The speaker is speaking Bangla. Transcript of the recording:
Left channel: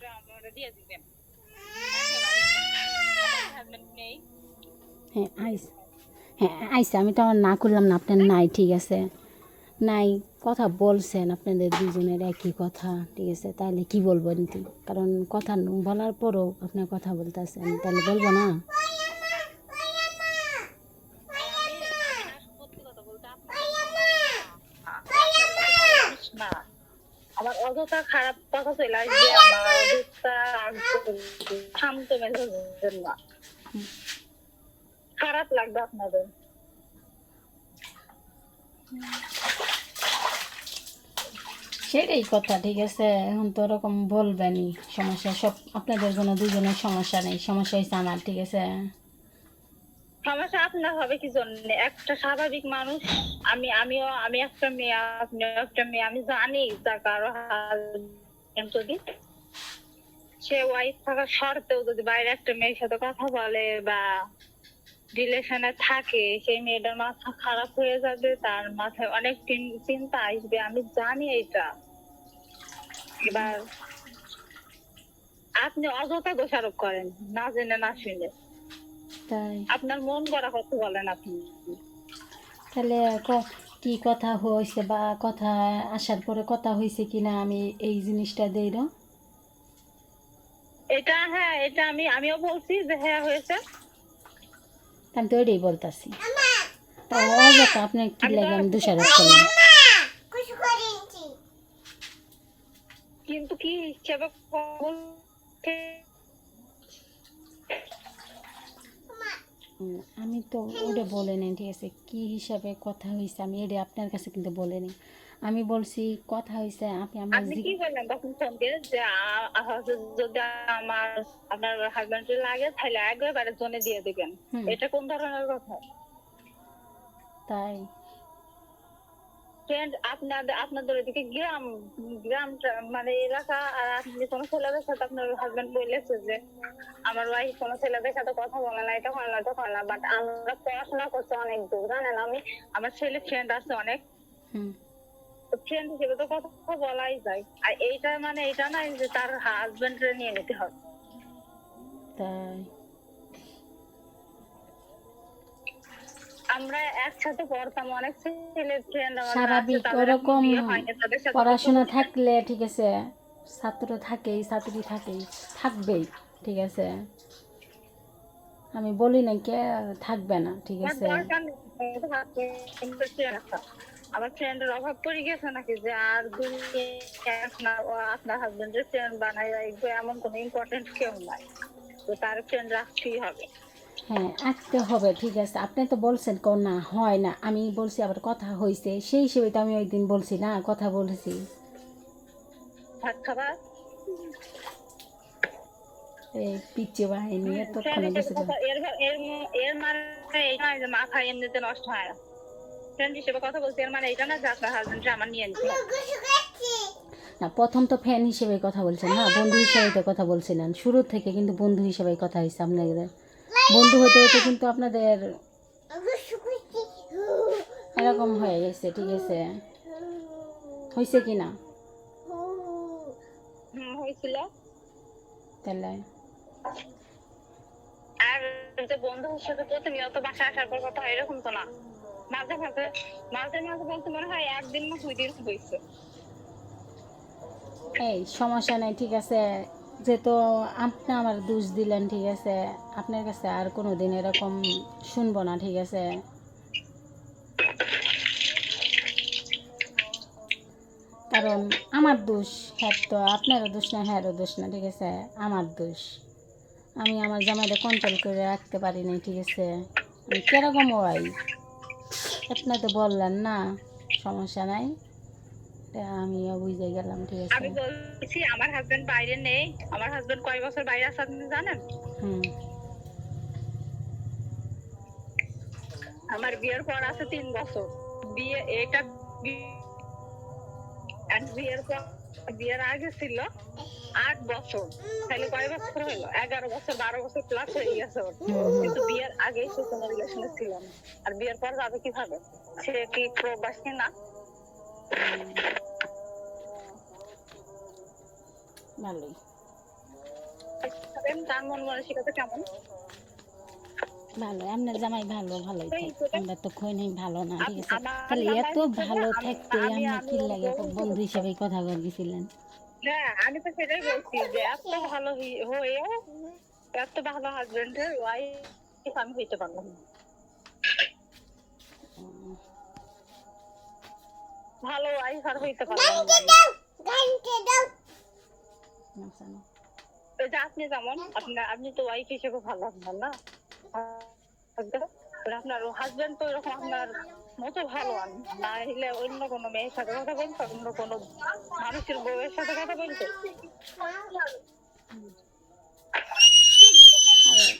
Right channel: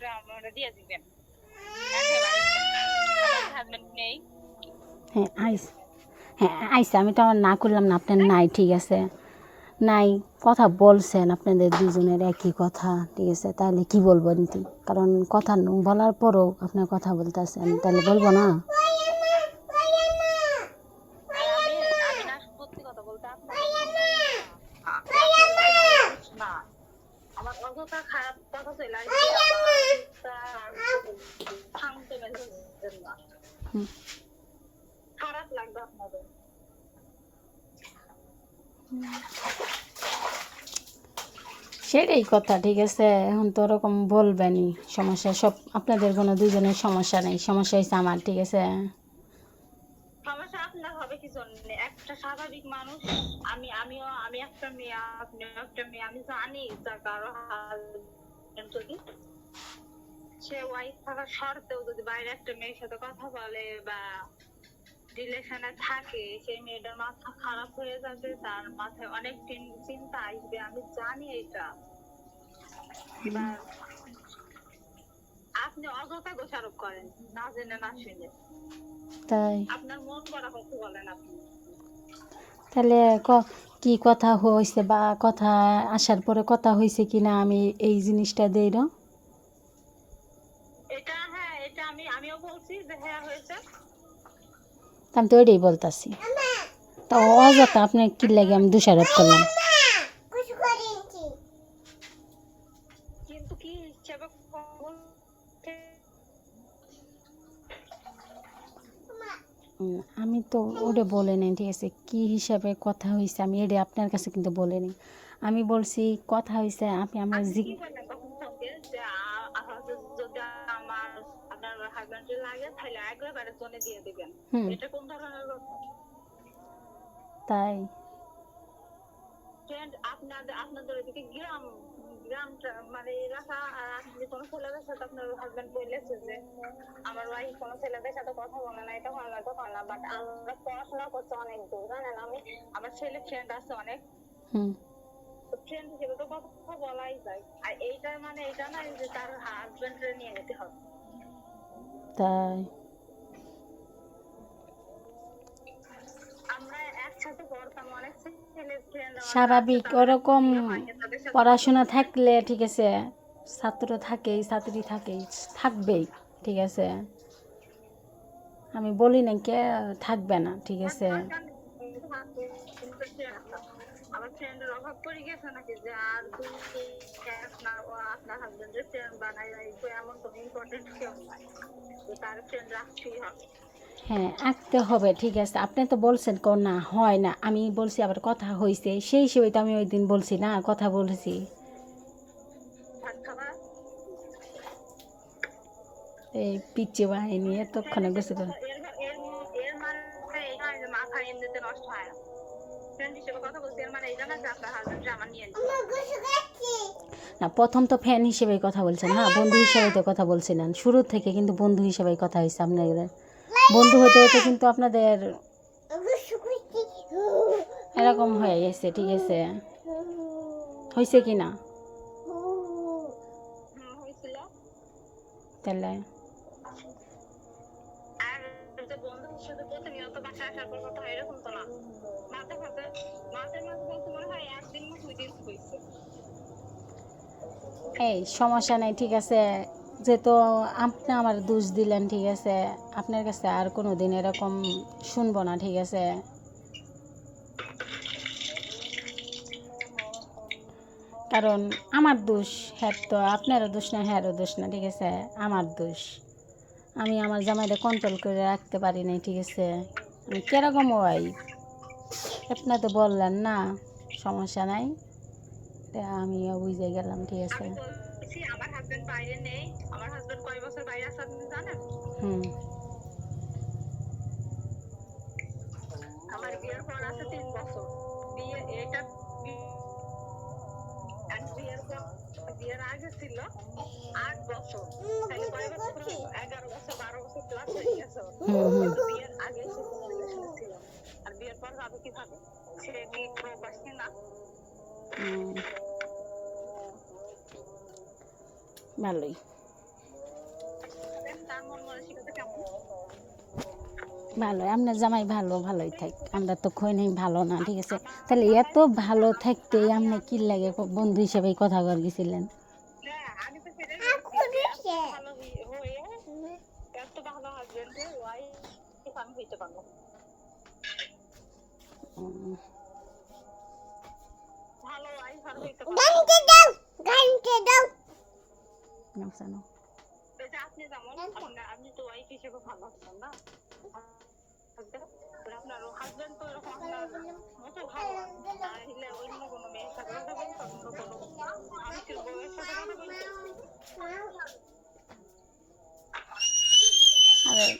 একটু আমরা দিয়ে দিবেন একেবারে আমার হাজবেন্ড নেই হ্যাঁ আইস, হ্যাঁ আইসে, আমি তো আর না করলাম না, আপনার নাই ঠিক আছে, নাই কথা বলছেন আপনাদের দুজনের একই কথা ঠিক আছে, তাহলে কি বলবো নীতি, কারণ কথা বলার পরও আপনার কথা বলতেছেন, তাহলে বলবো না। আর আমি আমি না সত্যি কথা বলতে আপনাদের মতন ভালো না আমি আপনাদের মতন ভালো মানুষ না আমার অযথা খারাপ কথা চলে আসবে আমার অযথা শান্ত মেজাজের না খারাপ লাগবে আপনাদের সেটাই কথা ঠিক আছে, এখন তো ওরকম বলবেনই, সমস্যা সব আপনাদের কোনো দুজনের সমস্যা নেই, সমস্যা হয়েছে আমার ঠিক আছে। সমস্যা আপনার হবে কি জন্য একটা স্বাভাবিক মানুষ আমি একটা মেয়ে আপনি একটা মেয়ে আমি জানি তার কারো হাজবেন্ড যদি সে ওয়াইফ থাকা সত্ত্বেও যদি বাইরে একটা মেয়ের সাথে কথা বলে বা রিলেশনে থাকে সেই মেয়েটার মাথা খারাপ হয়ে যাবে তার মাথায় অনেক চিন্তা আসবে আমি জানি এটা এবার আপনি অযথা দোষারোপ করেন না জেনে না শুনে তাই আপনার মন গড়া কথা বলেন আপনি তাহলে কি কথা হয়েছে বা কথা আসার পরে কথা হয়েছে কি না, আমি এই জিনিসটা দেই না। এটা হ্যাঁ এটা আমিও বলছি যে হ্যাঁ হয়েছে আমি তো ওইটাই বলতেছি, তা অযথা আপনার কি আমি তো লাগে আমি দোষারোপ করলাম। কিন্তু কি হিসেবে আমি তো ওটা বলে নিই ঠিক আছে, কী হিসাবে কথা হয়েছে আমি এটা আপনার কাছে কিন্তু বলে নিই, আমি বলছি কথা হয়েছে আপনি আমার আপনি কি বললেন তখন ফোন দিয়ে যে যদি আপনার হাজবেন্ড লাগে তাহলে একবারে জনে দিয়ে দিবেন এটা কোন ধরনের কথা তাই ফ্রেন্ড আপনাদের ওইদিকে গ্রাম মানে এলাকা আর আপনি কোনো ছেলেদের সাথে আপনার হাজবেন্ড বলেছে যে আমার ওয়াইফ কোনো ছেলেদের সাথে কথা বলে না এটা হয় না তো হয় না বাট আমরা পড়াশোনা করছি অনেক দূর জানেন আমি আমার ছেলে ফ্রেন্ড আছে অনেক ফ্রেন্ড হিসেবে তো কথা বলাই যায় আর এইটা মানে এটা না যে তার হাজবেন্ড নিয়ে নিতে হবে তাই আমরা একসাথে পড়তাম অনেক ছেলে ফ্রেন্ড স্বাভাবিক ওরকম পড়াশোনা থাকলে ঠিক আছে, ছাত্র থাকেই ছাত্রী থাকেই থাকবেই ঠিক আছে, আমি বলি না কে থাকবে না ঠিক আছে। আমার ফ্রেন্ডের অভাব পড়ে গেছে নাকি যে আর আপনার হাজবেন্ডের ফ্রেন্ড বানাই রাখবে এমন কোনো ইম্পর্টেন্ট কেউ নাই তো তার ফ্রেন্ড রাখতেই হবে হ্যাঁ আঁকতে হবে ঠিক আছে, আপনি তো বলছেন না হয় না, আমি বলছি আবার কথা হয়েছে সেই হিসেবে তো আমি ওই দিন বলছি না কথা বলেছি। ভাত খাবার এই পিচ্ছে বাহিনী এতক্ষণে বেশি এর মানে এই নয় যে মাথা এমনিতে নষ্ট হয় না ফ্রেন্ড হিসেবে কথা বলছি এর মানে এটা না যে আপনার হাজবেন্ড আমার নিয়ে নিতে না, প্রথম তো ফ্যান হিসেবে কথা বলছেন, হ্যাঁ বন্ধু হিসেবে তো কথা বলছিলেন শুরু থেকে, কিন্তু বন্ধু হিসেবে কথা হয়েছে আপনাদের, বন্ধু হতে হতে কিন্তু আপনাদের এরকম হয়ে গেছে ঠিক আছে, হয়েছে কি না হয়েছিল তাহলে আর যে বন্ধু হিসেবে প্রতিনিয়ত বাসায় আসার পর কথা হয় এরকম তো না মাঝে মাঝে বলতে মনে হয় একদিন না 2 দিন হয়েছে এই সমস্যা নেই ঠিক আছে, যেহেতু আপনি আমার দোষ দিলেন ঠিক আছে, আপনার কাছে আর কোনো দিন এরকম শুনবো না ঠিক আছে, কারণ আমার দোষ, হ্যাঁ তো আপনারও দোষ না হ্যাঁরও দোষ না ঠিক আছে, আমার দোষ, আমি আমার জামাইটা কন্ট্রোল করে রাখতে পারি নাই ঠিক আছে, আমি কীরকম ওয়াই আপনি তো বললেন না সমস্যা নাই, আমিও বুঝে গেলাম ঠিক আছে। আমি বলছি আমার হাজবেন্ড বাইরে নেই আমার হাজবেন্ড কয় বছর বাইরে আছে আপনি জানেন আমার বিয়ের পর আছে 3 বছর বিয়ে এটা বিয়ের আগে ছিল 8 বছর তাহলে কয় বছর হইলো 11 বছর 12 বছর প্লাস হয়ে গেছে কিন্তু বিয়ের আগেই সে কোনো রিলেশনে ছিল আর বিয়ের পর যাবে কিভাবে সে কি প্রবাসী না ভালোই থাকেন, তার মন মানসিকতা কেমন? ভালো, আপনার জামাই ভালো, ভালোই থাক, আমরা তো কই নাই ভালো না, ঠিক আছে? আমার তাহলে জামাই এত ভালো থাকতে আমি আপনি আমি কি লাগে বন্ধু হিসাবে কথা কর গেছিলেন? হ্যাঁ, আমি তো সেটাই বলছি যে এত ভালো হয়েও এত ভালো হাজবেন্ডের ওয়াইফ আমি হইতে পারলাম না। উম, ভালো ওয়াইফ আর হইতে পারলাম না। নাও, নাও। এই যে আপনি যেমন আপনি তো ওয়াইফ হিসেবে ভালো আপনার না আপনার হাজবেন্ড তো এরকম আপনার মতো ভালো আর না হলে অন্য কোনো মেয়ের সাথে কথা বলতো, অন্য কোনো মানুষের বউয়ের সাথে কথা বলতো। আর